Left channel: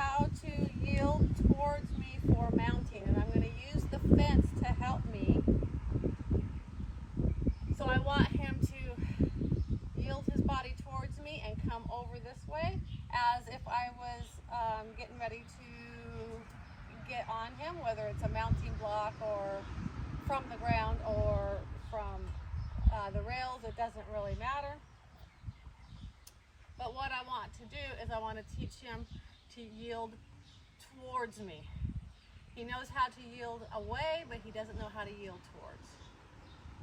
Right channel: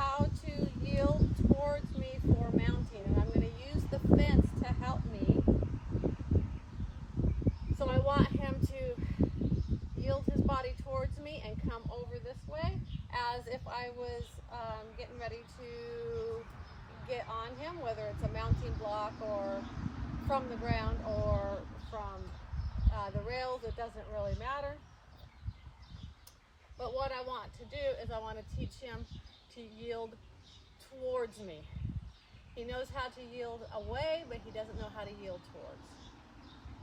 how to yield towards me for mounting, and I'm going to use the fence to help me. So I want him to yield his body towards me and come over this way as if I was getting ready to get on him, whether it's a mounting block or from the ground or from the rails. It doesn't really matter. But what I want to do is I want to teach him to yield towards me. He knows how to yield away, but he doesn't know how to yield towards.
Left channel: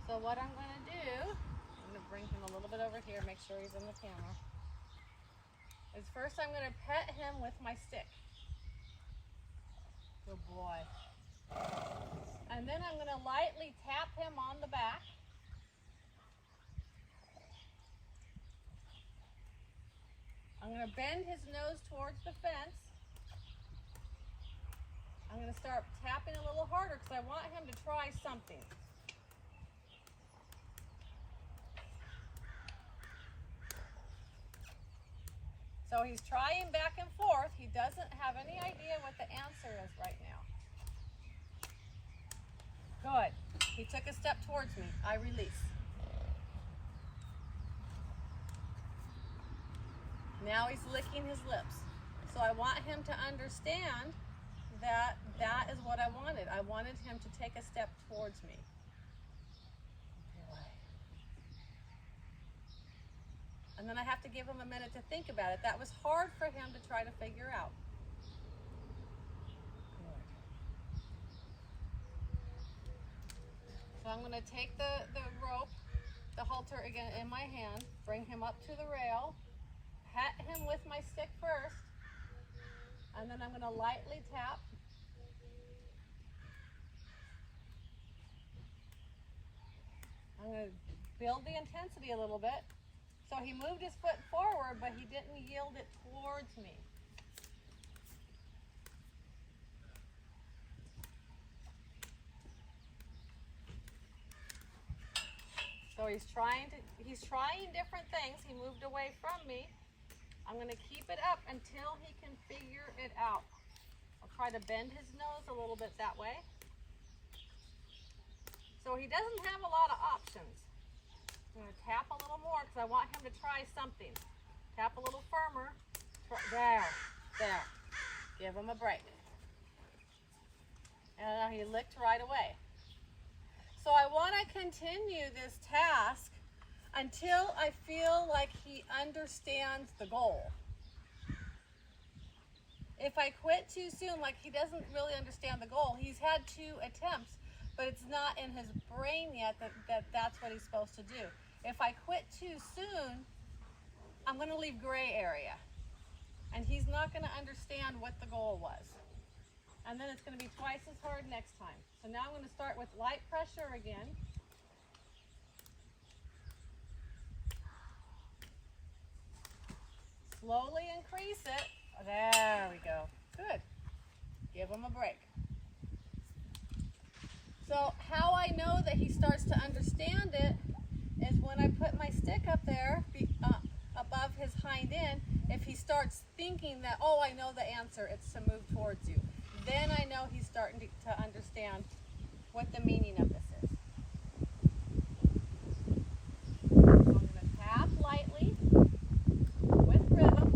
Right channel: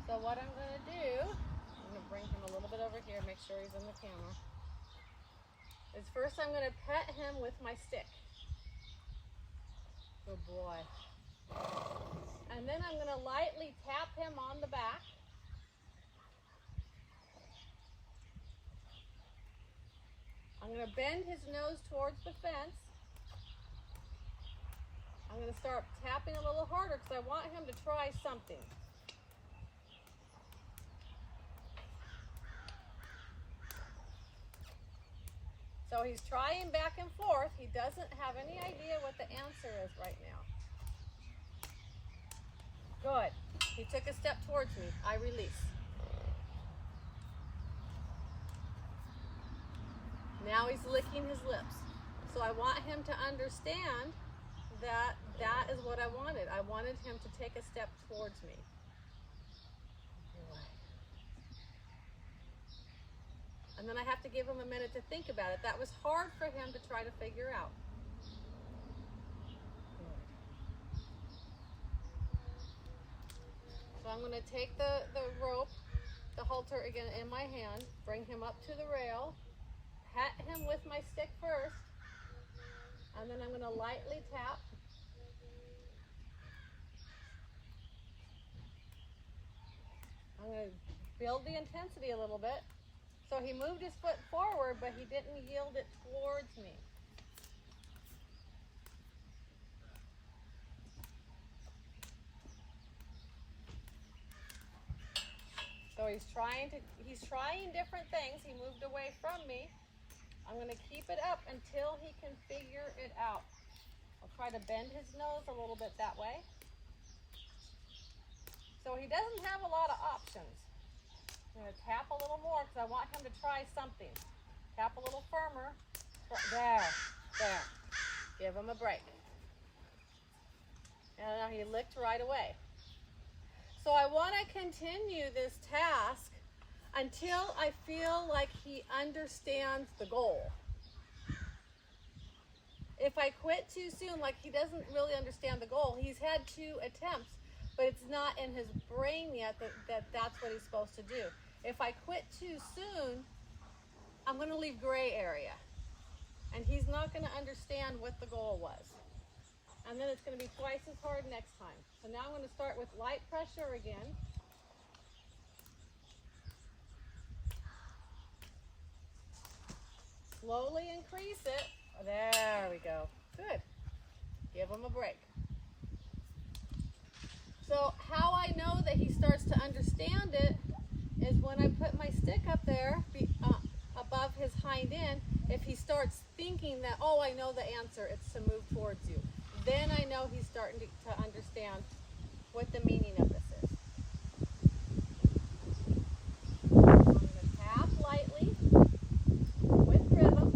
So what I'm going to do, I'm going to bring him a little bit over here, make sure he's in the camera, is first I'm going to pet him with my stick. Good boy. And then I'm going to lightly tap him on the back. I'm going to bend his nose towards the fence. I'm going to start tapping a little harder because I want him to try something. So he's trying back and forth. He doesn't have any idea what the answer is right now. Good. He took a step towards me. I release. Now he's licking his lips. So I want him to understand that that is what I wanted. I wanted him to take a step towards me. And then I have to give him a minute to think about it. That was hard for him to try to figure out. Good. So I'm going to take the rope, the halter again in my hand, bring him up to the rail, pat him with my stick first, and then I'm going to lightly tap. I'm going to build the intensity a little bit. So he moved his foot forward, but he didn't yield it towards me. So he's trying different things. He moved away from me. I'm going to keep it up until he can figure it out. I'll try to bend his nose a little bit that way. So he doesn't have a lot of options. I'm going to tap a little more because I want him to try something. Tap a little firmer. There. Give him a break. And he licked right away. So I want to continue this task until I feel like he understands the goal. If I quit too soon, like he doesn't really understand the goal, he's had 2 attempts, but it's not in his brain yet that that's what he's supposed to do. If I quit too soon, I'm going to leave gray area. And he's not going to understand what the goal was. And then it's going to be twice as hard next time. So now I'm going to start with light pressure again. Slowly increase it. There we go. Good. Give him a break. So how I know that he starts to understand it is when I put my stick up there above his hind end. If he starts thinking that, oh, I know the answer, it's to move towards you, then I know he's starting to understand what the meaning of this is. I'm going to tap lightly with rhythm.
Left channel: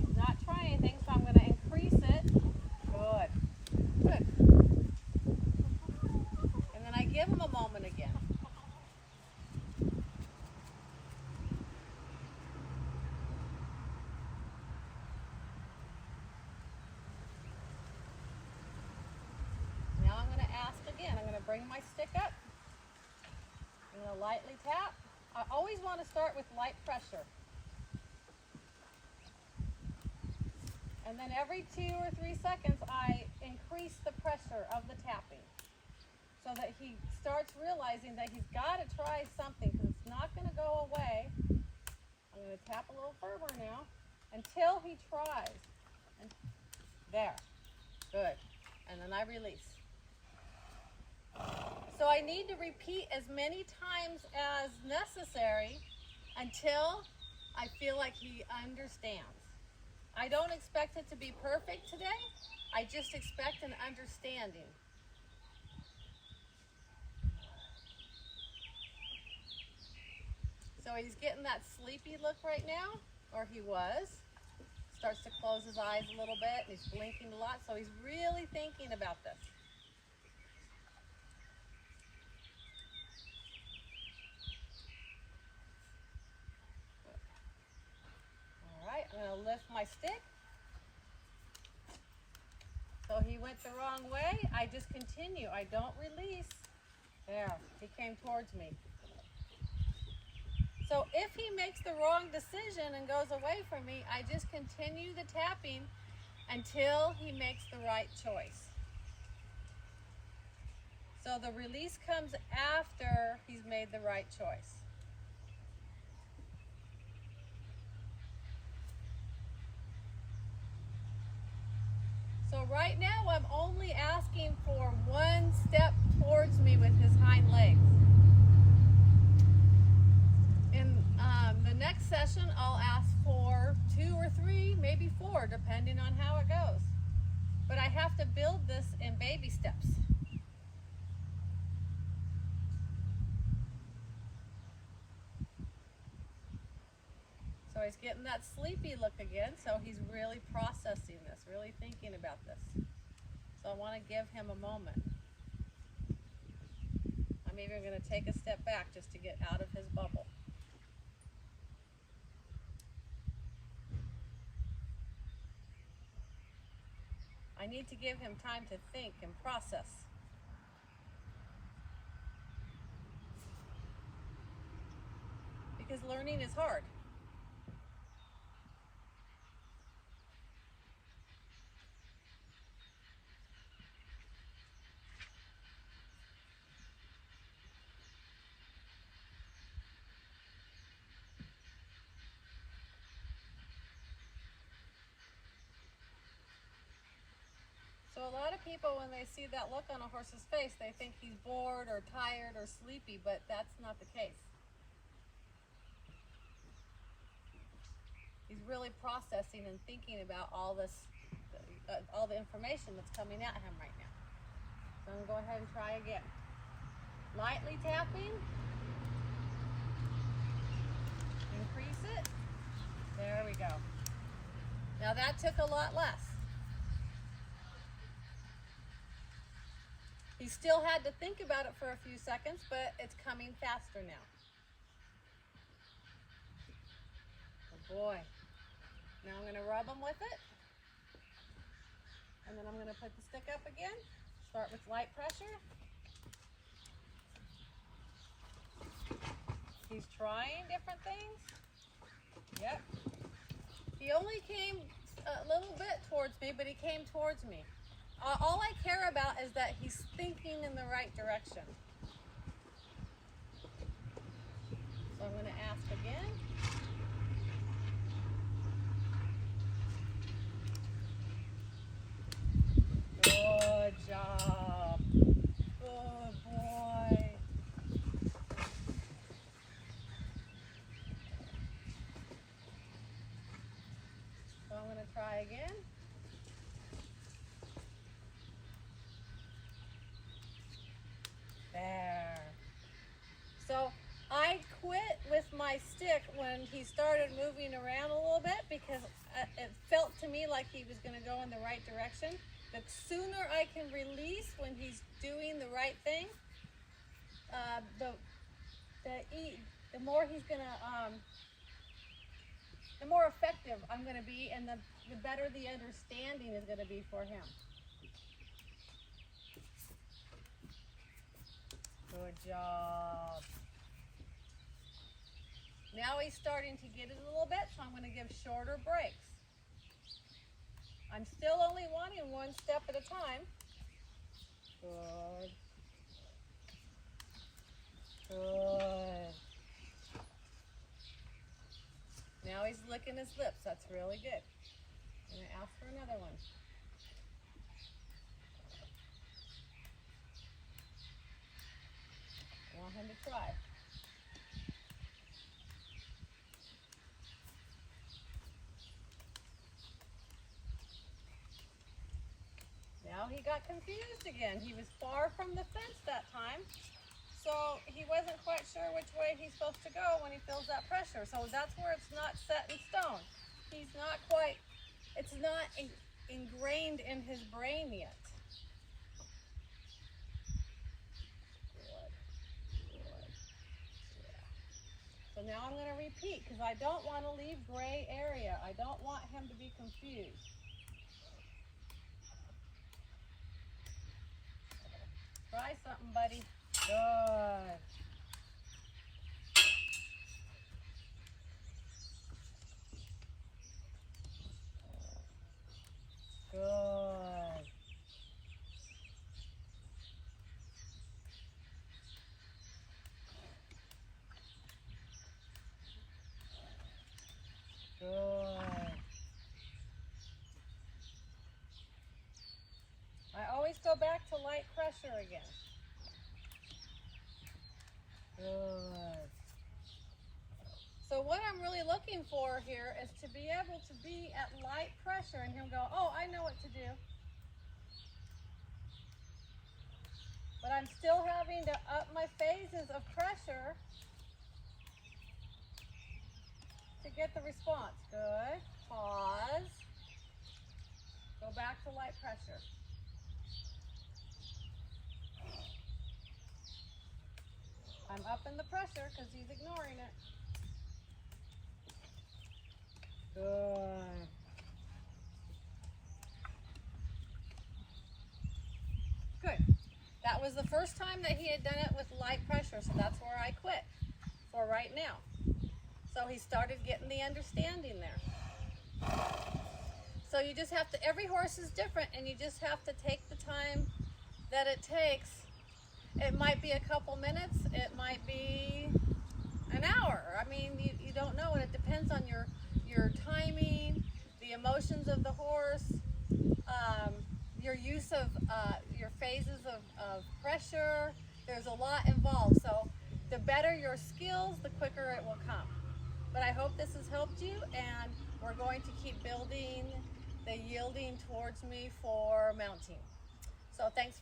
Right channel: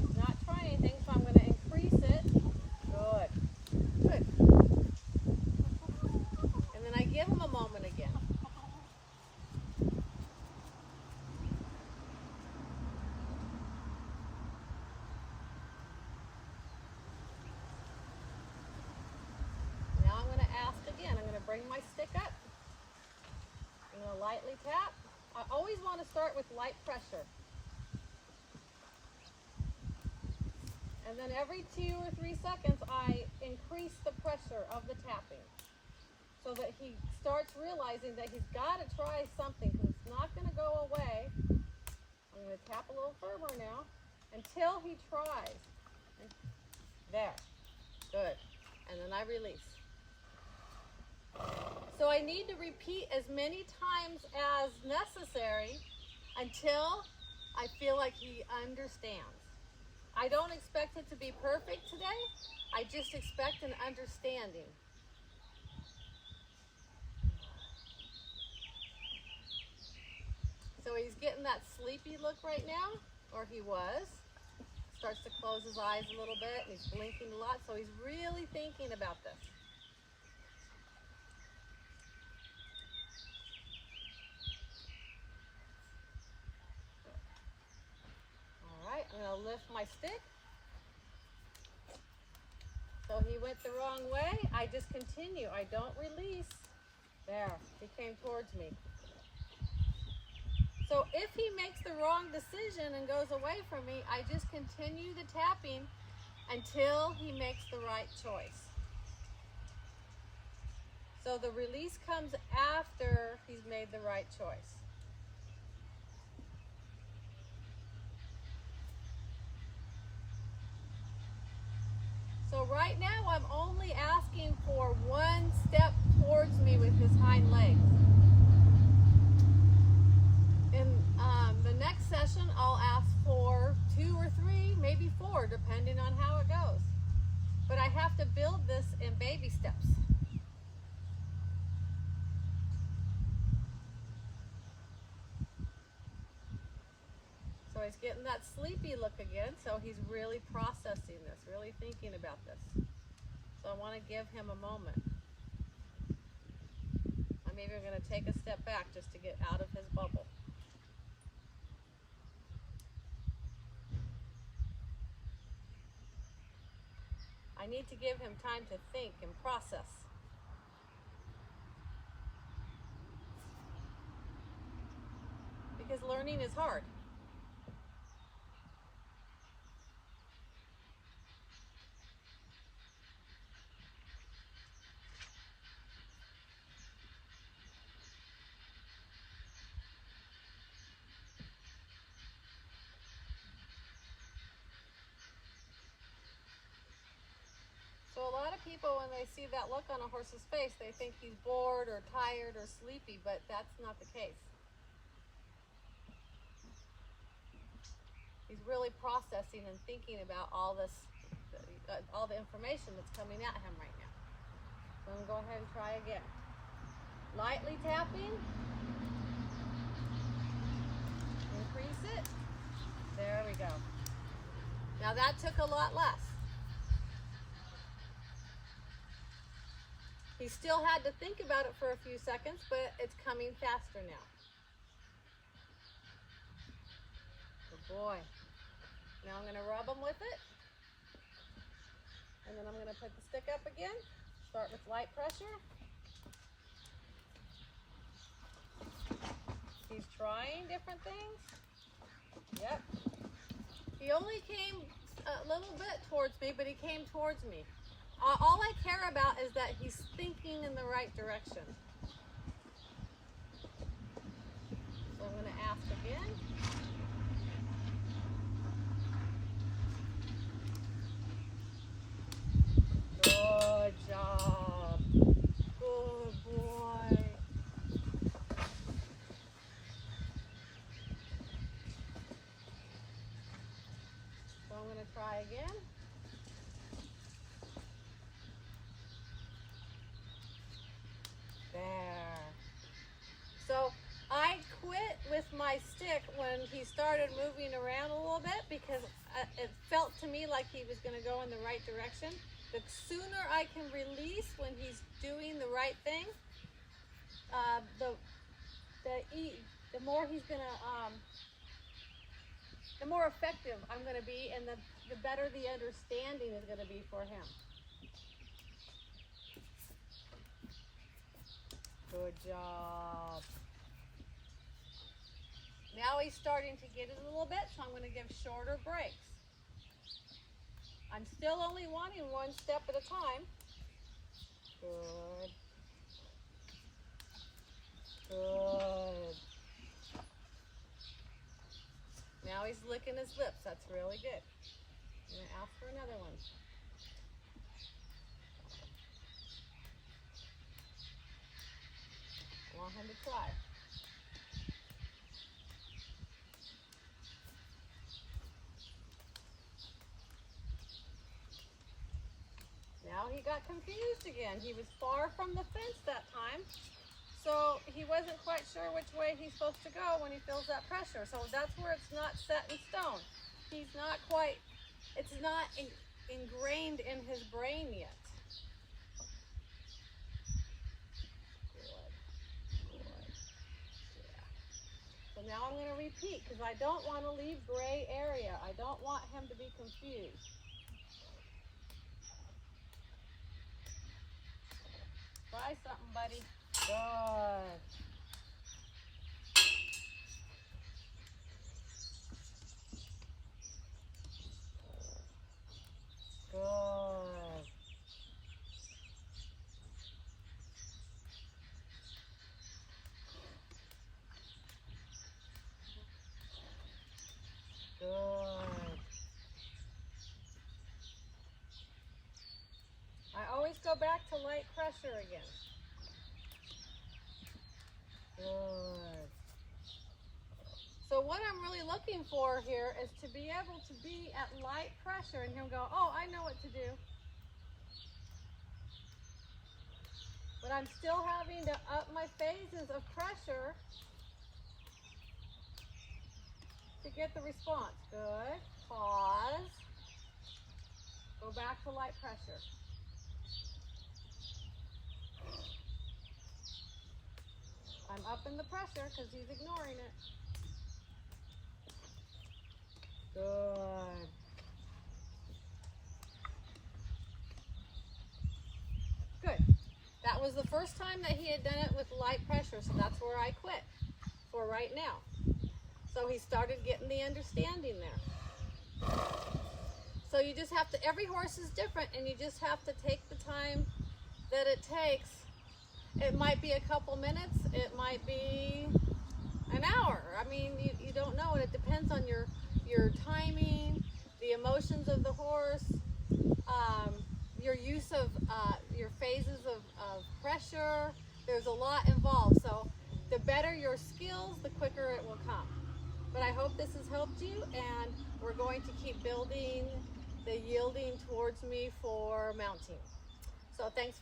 He's not trying anything, so I'm going to increase it. Good. Good. And then I give him a moment again. Now I'm going to ask again. I'm going to bring my stick up. I'm going to lightly tap. I always want to start with light pressure. And then every 2 or 3 seconds, I increase the pressure of the tapping so that he starts realizing that he's got to try something because it's not going to go away. I'm going to tap a little firmer now until he tries. And there. Good. And then I release. So I need to repeat as many times as necessary until I feel like he understands. I don't expect it to be perfect today. I just expect an understanding. So he's getting that sleepy look right now, or he was. Starts to close his eyes a little bit, and he's blinking a lot, so he's really thinking about this. All right, I'm gonna lift my stick. So he went the wrong way. I just continue. I don't release. There, he came towards me. So if he makes the wrong decision and goes away from me, I just continue the tapping until he makes the right choice. So the release comes after he's made the right choice. So right now I'm only asking for one step towards me with his hind legs. In the next session, I'll ask for 2 or 3, maybe 4, depending on how it goes. But I have to build this in baby steps. So he's getting that sleepy look again, so he's really processing this, really thinking about this. So I want to give him a moment. I'm even going to take a step back just to get out of his bubble. I need to give him time to think and process. Because learning is hard. So a lot of people, when they see that look on a horse's face, they think he's bored or tired or sleepy, but that's not the case. He's really processing and thinking about all this, all the information that's coming at him right now. So I'm going to go ahead and try again. Lightly tapping. Increase it. There we go. Now that took a lot less. He still had to think about it for a few seconds, but it's coming faster now. Good boy. Now I'm going to rub him with it. And then I'm going to put the stick up again. Start with light pressure. He's trying different things. Yep. He only came a little bit towards me, but he came towards me. All I care about is that he's thinking in the right direction. So I'm going to ask again. Good job. Good boy. So I'm going to try again. There. So I quit with my stick when he started moving around a little bit because it felt to me like he was going to go in the right direction. The sooner I can release when he's doing the right thing, the more he's going to, the more effective I'm going to be, and the better the understanding is going to be for him. Good job. Now he's starting to get it a little bit, so I'm going to give shorter breaks. I'm still only wanting one step at a time. Good. Good. Now he's licking his lips. That's really good. I'm going to ask for another one. I want him to try. Now he got confused again. He was far from the fence that time, so he wasn't quite sure which way he's supposed to go when he feels that pressure. So that's where it's not set in stone. He's not quite, it's not ingrained in his brain yet. Good. Yeah. So now I'm going to repeat because I don't want to leave gray area. I don't want him to be confused. Try something, buddy. Good. Good. Good. I always go back to light pressure again. Good. So what I'm really looking for here is to be able to be at light pressure and he'll go, oh, I know what to do. But I'm still having to up my phases of pressure to get the response. Good. Pause. Go back to light pressure. I'm upping the pressure because he's ignoring it. Good. Good. That was the first time that he had done it with light pressure, so that's where I quit for right now. So he started getting the understanding there. So you just have to, every horse is different, and you just have to take the time that it takes. It might be a couple minutes, it might be an hour. I mean, you don't know, and it depends on your timing, the emotions of the horse, your use of your phases of pressure. There's a lot involved. So the better your skills, the quicker it will come. But I hope this has helped you, and we're going to keep building the yielding towards me for mounting. So thanks for